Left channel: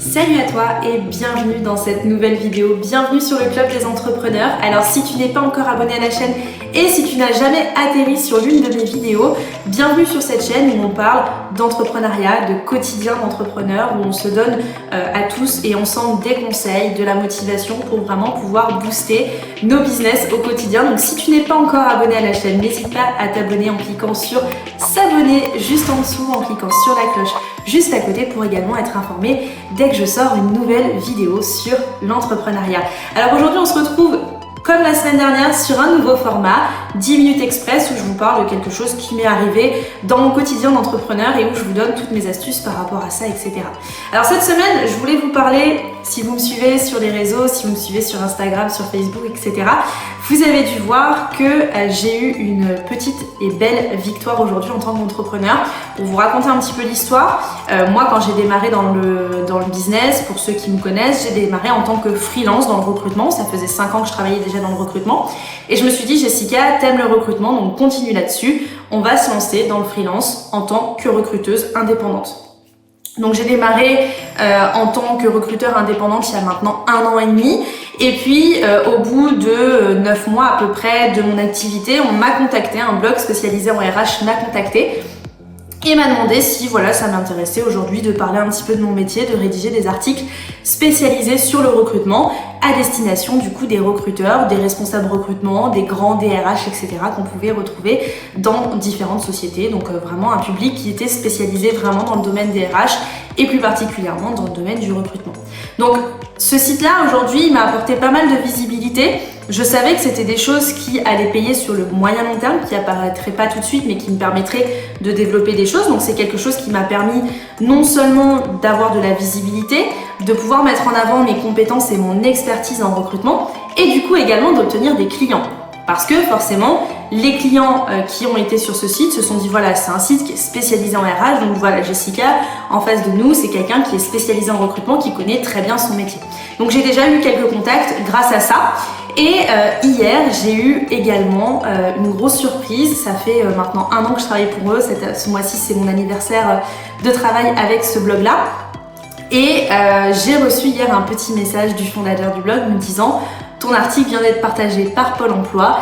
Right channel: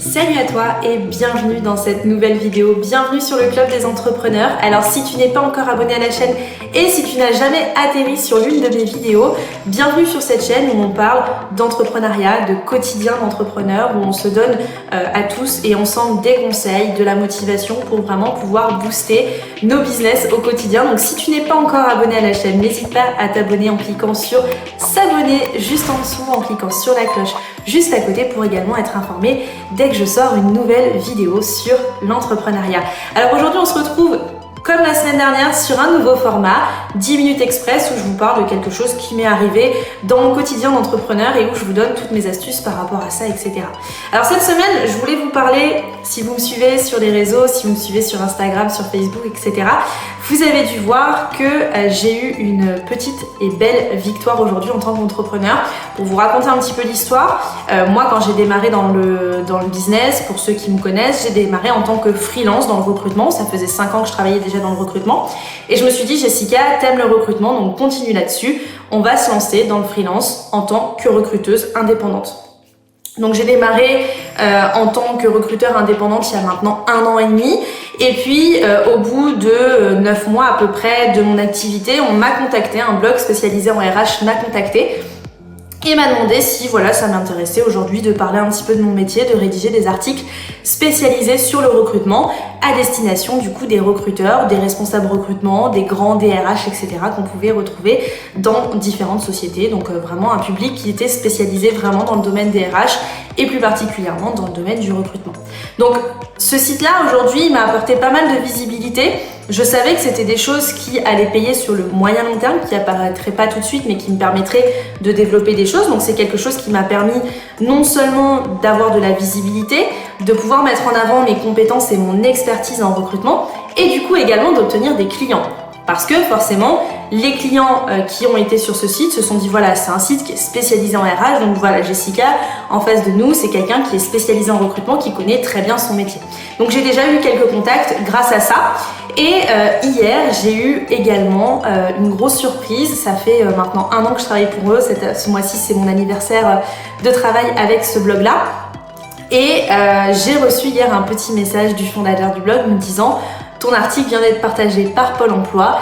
Salut à toi et bienvenue dans cette nouvelle vidéo, bienvenue sur le club des entrepreneurs. Alors si tu n'es pas encore abonné à la chaîne et si tu n'as jamais atterri sur l'une de mes vidéos, bienvenue sur cette chaîne où on parle d'entrepreneuriat, de quotidien d'entrepreneur, où on se donne à tous et ensemble des conseils, de la motivation pour vraiment pouvoir booster nos business au quotidien. Donc si tu n'es pas encore abonné à la chaîne, n'hésite pas à t'abonner en cliquant sur s'abonner juste en dessous, en cliquant sur la cloche juste à côté pour également être informé dès que je sors une nouvelle vidéo sur l'entrepreneuriat. Alors aujourd'hui on se retrouve comme la semaine dernière sur un nouveau format, 10 minutes express, où je vous parle de quelque chose qui m'est arrivé dans mon quotidien d'entrepreneur et où je vous donne toutes mes astuces par rapport à ça, etc. Alors cette semaine, je voulais vous parler, si vous me suivez sur les réseaux, si vous me suivez sur Instagram, sur Facebook, etc., vous avez dû voir que j'ai eu une petite et belle victoire aujourd'hui en tant qu'entrepreneur. Pour vous raconter un petit peu l'histoire, moi quand j'ai démarré dans le business, pour ceux qui me connaissent, j'ai démarré en tant que freelance dans le recrutement. Ça faisait 5 ans que je travaillais déjà dans le recrutement. Et je me suis dit, Jessica, t'aimes le recrutement, donc continue là-dessus. On va se lancer dans le freelance en tant que recruteuse indépendante. Donc j'ai démarré en tant que recruteur indépendante il y a maintenant 1 an et demi. Et puis au bout de 9 mois à peu près de mon activité, on m'a contacté, un blog spécialisé en RH m'a contacté et m'a demandé si voilà ça m'intéressait aujourd'hui de parler un petit peu de mon métier, de rédiger des articles spécialisés sur le recrutement à destination du coup des recruteurs, des responsables recrutement, des grands DRH, etc. qu'on pouvait retrouver dans différentes sociétés. Donc vraiment un public qui était spécialisé vraiment dans le domaine des RH et plus particulièrement dans le domaine du recrutement. Donc ce site-là aujourd'hui m'a apporté pas mal de visibilité. Je savais que c'était des choses qui allaient payer sur le moyen long terme, qui apparaîtraient pas tout de suite, mais qui me permettraient de développer des choses. Donc c'est quelque chose qui m'a permis non seulement d'avoir de la visibilité, de pouvoir mettre en avant mes compétences et mon expertise en recrutement, et du coup également d'obtenir des clients. Parce que forcément, les clients qui ont été sur ce site se sont dit voilà, c'est un site qui est spécialisé en RH, donc voilà, Jessica, en face de nous, c'est quelqu'un qui est spécialisé en recrutement, qui connaît très bien son métier. Donc j'ai déjà eu quelques contacts grâce à ça. Et hier, j'ai eu également une grosse surprise. Ça fait maintenant 1 an que je travaille pour eux. Ce mois-ci, c'est mon anniversaire de travail avec ce blog-là. Et j'ai reçu hier un petit message du fondateur du blog me disant « Ton article vient d'être partagé par Pôle emploi,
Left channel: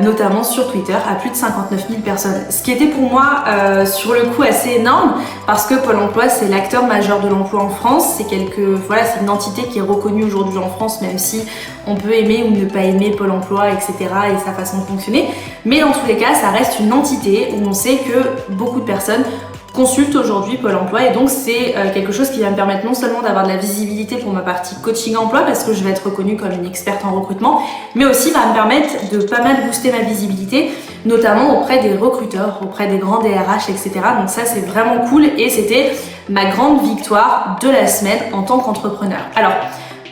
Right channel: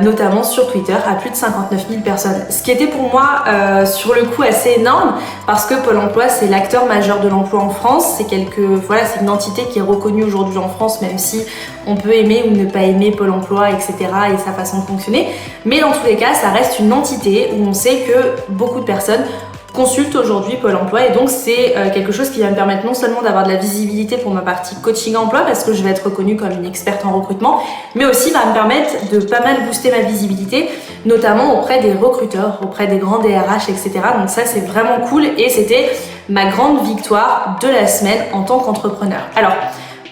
notamment sur Twitter, à plus de 59 000 personnes. » Ce qui était pour moi sur le coup assez énorme parce que Pôle emploi c'est l'acteur majeur de l'emploi en France. C'est c'est une entité qui est reconnue aujourd'hui en France, même si on peut aimer ou ne pas aimer Pôle emploi, etc. et sa façon de fonctionner. Mais dans tous les cas, ça reste une entité où on sait que beaucoup de personnes consulte aujourd'hui Pôle emploi et donc c'est quelque chose qui va me permettre non seulement d'avoir de la visibilité pour ma partie coaching emploi parce que je vais être reconnue comme une experte en recrutement, mais aussi va me permettre de pas mal booster ma visibilité, notamment auprès des recruteurs, auprès des grands DRH, etc. Donc ça c'est vraiment cool et c'était ma grande victoire de la semaine en tant qu'entrepreneur. Alors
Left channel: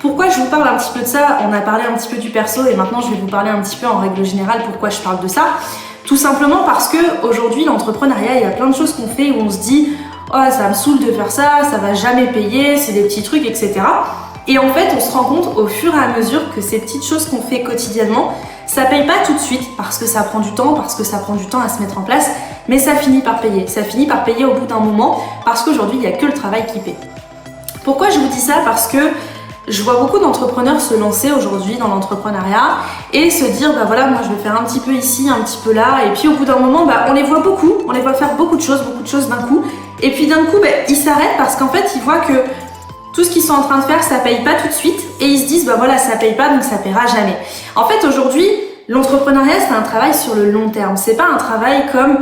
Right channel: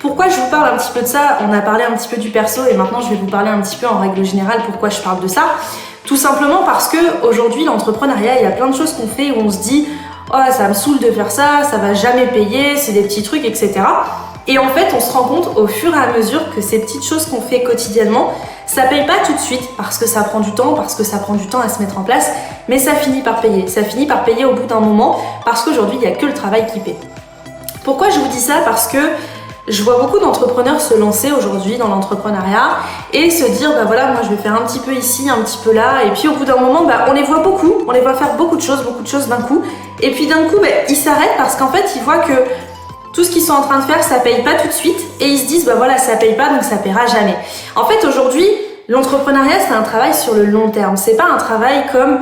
pourquoi je vous parle un petit peu de ça? On a parlé un petit peu du perso et maintenant je vais vous parler un petit peu en règle générale pourquoi je parle de ça. Tout simplement parce que aujourd'hui l'entrepreneuriat, il y a plein de choses qu'on fait où on se dit oh ça me saoule de faire ça, ça va jamais payer, c'est des petits trucs, etc. Et en fait on se rend compte au fur et à mesure que ces petites choses qu'on fait quotidiennement, ça paye pas tout de suite parce que ça prend du temps, parce que ça prend du temps à se mettre en place, mais ça finit par payer. Ça finit par payer au bout d'un moment parce qu'aujourd'hui il n'y a que le travail qui paie. Pourquoi je vous dis ça? Parce que je vois beaucoup d'entrepreneurs se lancer aujourd'hui dans l'entrepreneuriat et se dire bah voilà, moi je vais faire un petit peu ici, un petit peu là, et puis au bout d'un moment on les voit beaucoup, on les voit faire beaucoup de choses d'un coup, et puis d'un coup ils s'arrêtent parce qu'en fait ils voient que tout ce qu'ils sont en train de faire ça paye pas tout de suite et ils se disent bah voilà, ça paye pas donc ça paiera jamais. En fait aujourd'hui l'entrepreneuriat c'est un travail sur le long terme, c'est pas un travail comme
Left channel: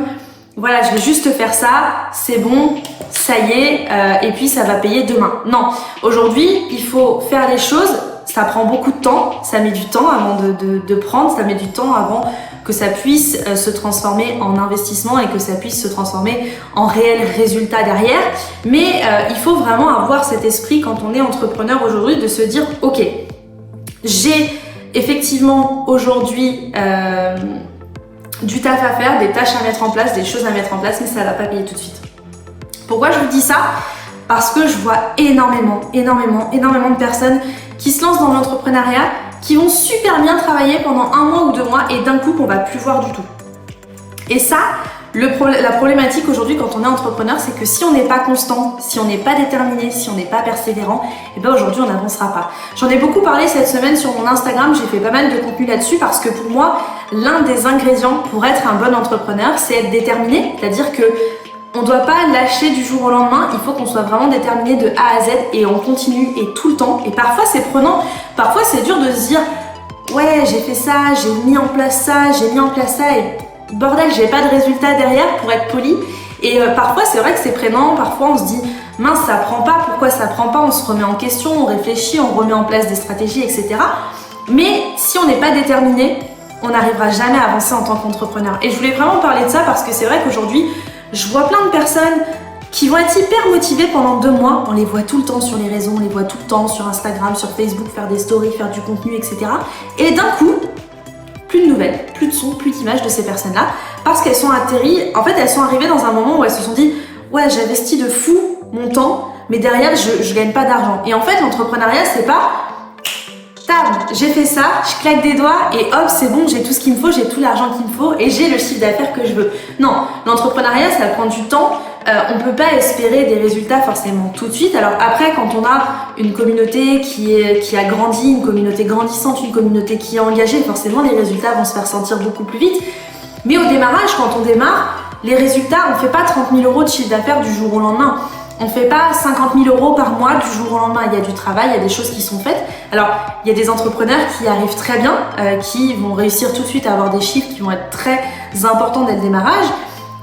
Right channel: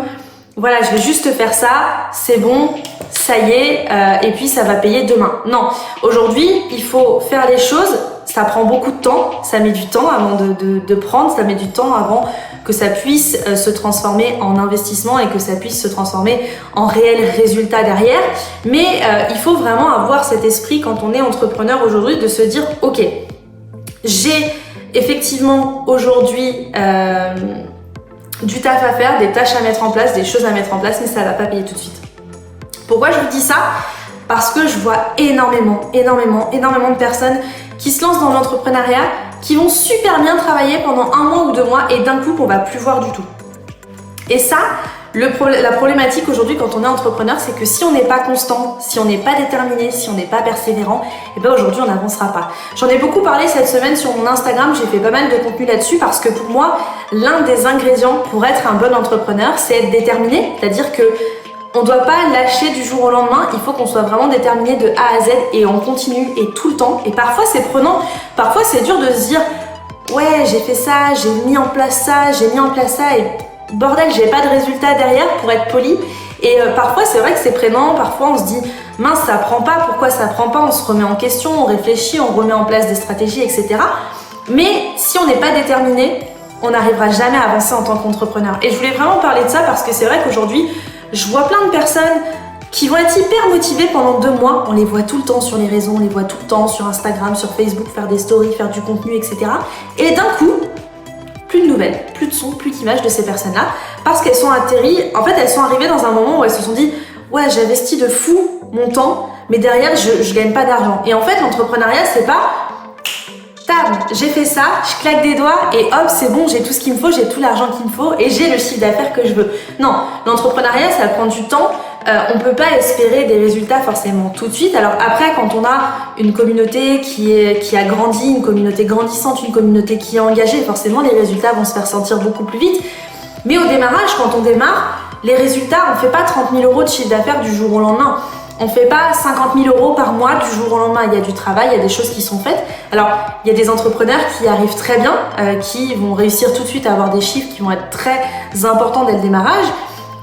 voilà, je vais juste faire ça, c'est bon, ça y est, et puis ça va payer demain. Non, aujourd'hui, il faut faire les choses, ça prend beaucoup de temps, ça met du temps avant de prendre, ça met du temps avant que ça puisse se transformer en investissement et que ça puisse se transformer en réel résultat derrière. Mais il faut vraiment avoir cet esprit quand on est entrepreneur aujourd'hui de se dire, ok, j'ai effectivement aujourd'hui du taf à faire, des tâches à mettre en place, des choses à mettre en place, mais ça va pas payer tout de suite. Pourquoi je vous dis ça? Parce que je vois énormément de personnes qui se lancent dans l'entrepreneuriat, qui vont super bien travailler pendant 1 mois ou 2 mois et d'un coup on va plus voir du tout. Et ça, La problématique aujourd'hui quand on est entrepreneur, c'est que si on n'est pas constant, si on n'est pas déterminé, si on n'est pas persévérant, et ben aujourd'hui on n'avancera pas. J'en ai beaucoup parlé cette semaine sur mon Instagram, j'ai fait pas mal de contenu là-dessus parce que pour moi, l'un des ingrédients pour être un bon entrepreneur, c'est être déterminé, c'est-à-dire que on doit pas lâcher du jour au lendemain, il faut qu'on soit vraiment déterminé de A à Z et on continue et tout le temps. Et parfois c'est prenant, parfois c'est dur de se dire ouais j'ai fait ça, j'ai mis en place ça, et bordel, j'ai pas de résultat derrière pour être poli. Et parfois c'est vrai que c'est prenant, parfois on se dit mince ça prend pas, pourquoi ça prend pas, on se remet en question, on réfléchit, on remet en place des stratégies, etc. Mais si on n'est pas déterminé, on n'arrivera jamais à avancer en tant qu'entrepreneur. Et je voulais vraiment parler de ça parce que c'est vrai qu'aujourd'hui, je vois plein de personnes qui vont être hyper motivées pendant 2 mois. On les voit tout le temps sur les réseaux, on les voit tout le temps sur Instagram, sur Facebook, faire des stories, faire du contenu, etc. Et d'un coup, plus de nouvelles, plus de sons, plus d'images de ces personnes-là parce qu'elles sont atterries, en fait elles sont arrivées dans un moment où elles se sont dit ouais j'investis de fou mon temps mais derrière je gagne pas d'argent. Et en fait l'entrepreneuriat c'est pas tab, j'ai fait ça, je claque des doigts et hop c'est bon, j'ai tout ce qu'il me faut, j'ai tout l'argent qu'il me faut et j'ai le chiffre d'affaires que je veux. Non, l'entrepreneuriat ça prend du temps. On peut pas espérer des résultats forcément tout de suite. Alors après, quand on a une communauté qui a grandi, une communauté grandissante, une communauté qui est engagée, forcément les résultats vont se faire sentir beaucoup plus vite. Mais au démarrage, quand on démarre, les résultats, on fait pas 30 000 euros de chiffre d'affaires du jour au lendemain. On fait pas 50 000 euros par mois du jour au lendemain. Il y a du travail, il y a des choses qui sont faites. Alors, il y a des entrepreneurs qui arrivent très bien, qui vont réussir tout de suite à avoir des chiffres qui vont être très importants dès le démarrage.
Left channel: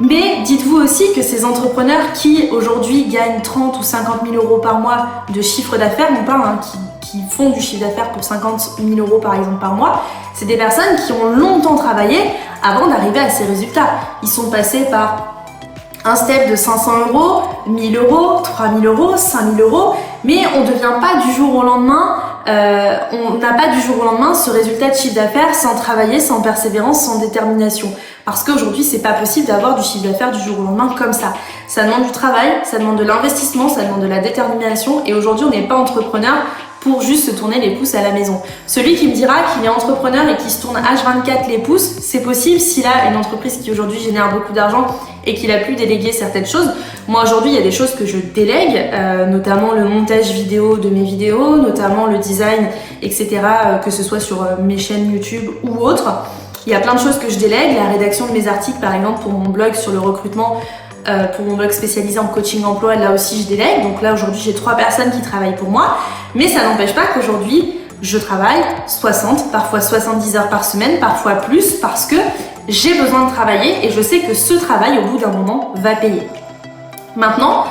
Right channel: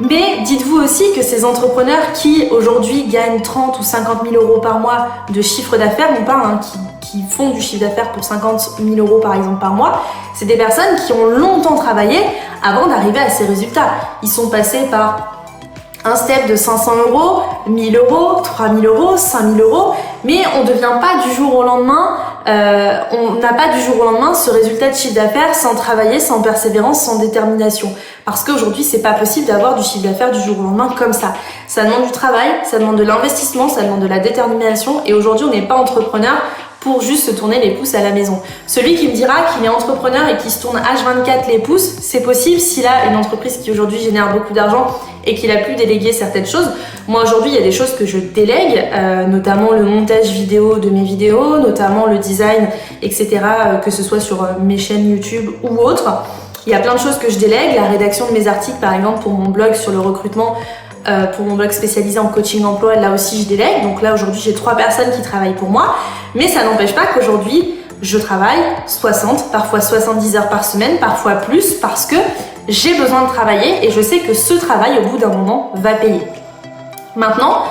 Mais dites-vous aussi que ces entrepreneurs qui aujourd'hui gagnent 30 ou 50 000 euros par mois de chiffre d'affaires, non pas qui font du chiffre d'affaires pour 50 000 euros par exemple par mois, c'est des personnes qui ont longtemps travaillé avant d'arriver à ces résultats. Ils sont passés par un step de 500 euros, 1000 euros, 3000 euros, 5000 euros, mais on ne devient pas du jour au lendemain, on n'a pas du jour au lendemain ce résultat de chiffre d'affaires sans travailler, sans persévérance, sans détermination. Parce qu'aujourd'hui, c'est pas possible d'avoir du chiffre d'affaires du jour au lendemain comme ça. Ça demande du travail, ça demande de l'investissement, ça demande de la détermination et aujourd'hui, on n'est pas entrepreneur pour juste se tourner les pouces à la maison. Celui qui me dira qu'il est entrepreneur et qui se tourne H24 les pouces, c'est possible s'il a une entreprise qui aujourd'hui génère beaucoup d'argent et qu'il a pu déléguer certaines choses. Moi aujourd'hui, il y a des choses que je délègue, notamment le montage vidéo de mes vidéos, notamment le design, etc., que ce soit sur mes chaînes YouTube ou autres. Il y a plein de choses que je délègue, la rédaction de mes articles par exemple pour mon blog sur le recrutement, pour mon blog spécialisé en coaching emploi, là aussi je délègue. Donc là aujourd'hui j'ai 3 personnes qui travaillent pour moi, mais ça n'empêche pas qu'aujourd'hui je travaille 60, parfois 70 heures par semaine, parfois plus, parce que j'ai besoin de travailler et je sais que ce travail au bout d'un moment va payer. Maintenant,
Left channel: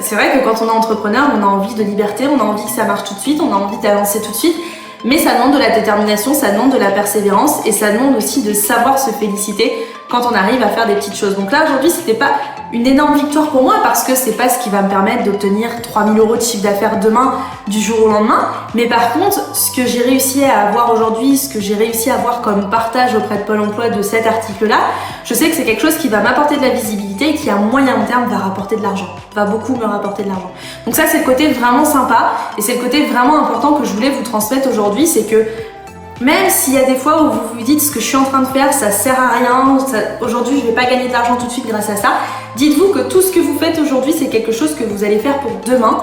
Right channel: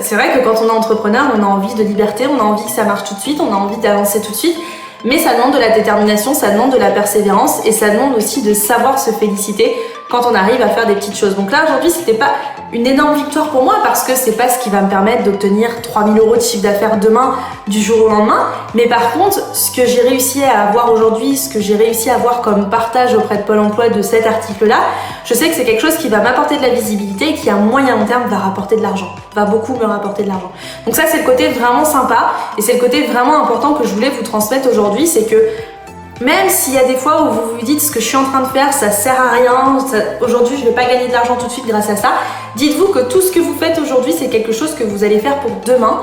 c'est vrai que quand on est entrepreneur, on a envie de liberté, on a envie que ça marche tout de suite, on a envie d'avancer tout de suite. Mais ça demande de la détermination, ça demande de la persévérance et ça demande aussi de savoir se féliciter quand on arrive à faire des petites choses. Donc là aujourd'hui c'était pas une énorme victoire pour moi parce que c'est pas ce qui va me permettre d'obtenir 3000 euros de chiffre d'affaires demain du jour au lendemain. Mais par contre, ce que j'ai réussi à avoir aujourd'hui, ce que j'ai réussi à avoir comme partage auprès de Pôle emploi de cet article-là, je sais que c'est quelque chose qui va m'apporter de la visibilité et qui à moyen long terme va rapporter de l'argent, va beaucoup me rapporter de l'argent. Donc ça c'est le côté vraiment sympa et c'est le côté vraiment important que je voulais vous transmettre aujourd'hui, c'est que même s'il y a des fois où vous vous dites ce que je suis en train de faire, ça sert à rien, aujourd'hui je vais pas gagner de l'argent tout de suite grâce à ça, dites-vous que tout ce que vous faites aujourd'hui c'est quelque chose que vous allez faire pour demain,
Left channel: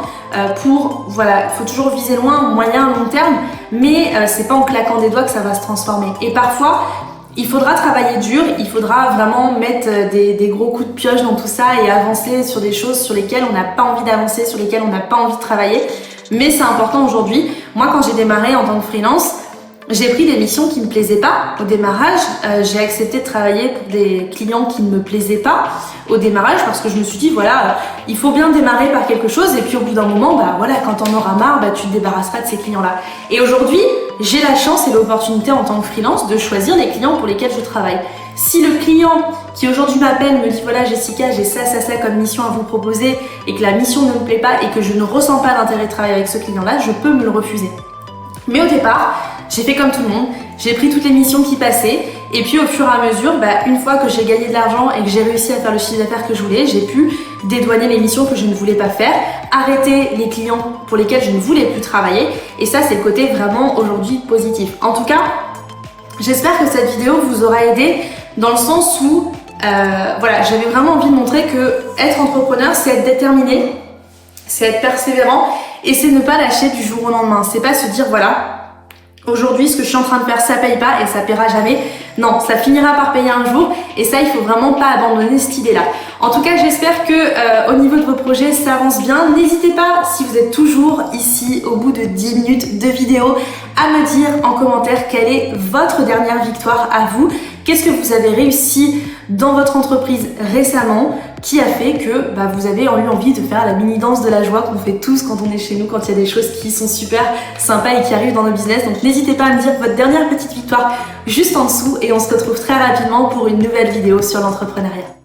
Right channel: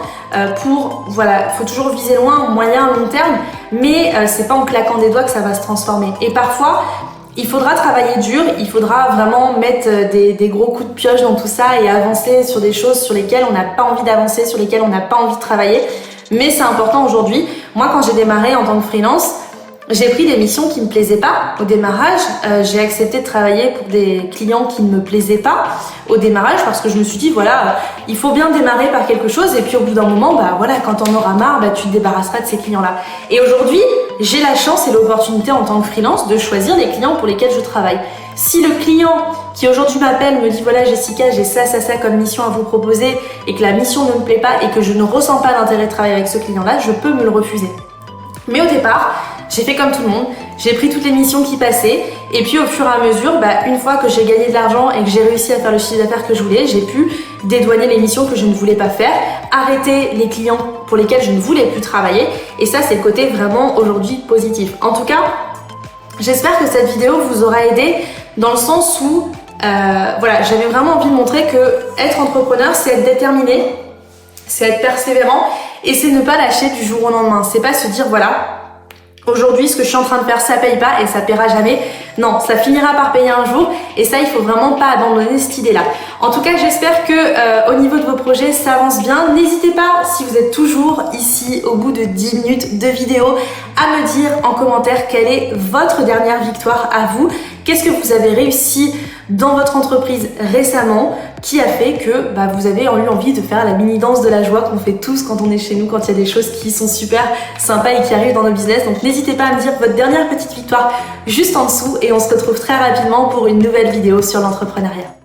voilà, faut toujours viser loin, moyen, long terme, mais c'est pas en claquant des doigts que ça va se transformer. Et parfois, il faudra travailler dur, il faudra vraiment mettre des gros coups de pioche dans tout ça et avancer sur des choses sur lesquelles on n'a pas envie d'avancer, sur lesquelles on n'a pas envie de travailler, mais c'est important aujourd'hui. Moi quand j'ai démarré en tant que freelance, j'ai pris des missions qui me plaisaient pas au démarrage. J'ai accepté de travailler pour des clients qui ne me plaisaient pas au démarrage parce que je me suis dit voilà, il faut bien démarrer par quelque chose et puis au bout d'un moment, bah voilà, quand t'en auras marre, bah tu te débarrasseras de ces clients-là. Et aujourd'hui, j'ai la chance et l'opportunité en tant que freelance de choisir les clients pour lesquels je travaille. Si le client qui aujourd'hui m'appelle me dit voilà Jessica, j'ai ça comme mission à vous proposer et que la mission ne me plaît pas et que je ne ressens pas d'intérêt de travailler avec ce client-là, je peux me le refuser. Mais au départ, j'ai fait comme tout le monde, j'ai pris toutes les missions qui passaient et puis au fur et à mesure, une fois que j'ai gagné de l'argent et que j'ai réussi à faire le chiffre d'affaires que je voulais, j'ai pu dédouaner les missions que je ne voulais pas faire, arrêter les clients pour lesquels je ne voulais plus travailler et ça c'est le côté vraiment aujourd'hui positif. En tout cas, j'espère que cette vidéo vous aura aidé dans le sens où Voilà, j'avais vraiment envie de montrer que être entrepreneur, c'est être déterminé, c'est être persévérant et c'est ne pas lâcher du jour au lendemain. C'est pas se dire voilà, aujourd'hui, ce que je suis en train de faire, ça paye pas et ça paiera jamais. Non, ça finira par payer un jour et ça, il faut vraiment pas abandonner cette idée-là. En tout cas, j'espère que au niveau de vos projets, ça avance bien. N'hésitez pas, si vous êtes toujours ici au bout de 10 minutes de vidéo, à me dire en commentaire quelle est votre dernière victoire à vous. Qu'est-ce que vous avez réussi dans votre entreprise récemment qui a fait que vous avez eu envie de faire la mini danse de la joie qu'on fait tous quand on est chez nous, quand il y a des choses qui sont super sympas et qui arrivent dans nos business. Donc n'hésitez pas à me dire votre dernière petite victoire juste en dessous et on se retrouve très rapidement pour une nouvelle vidéo sur l'entrepreneuriat.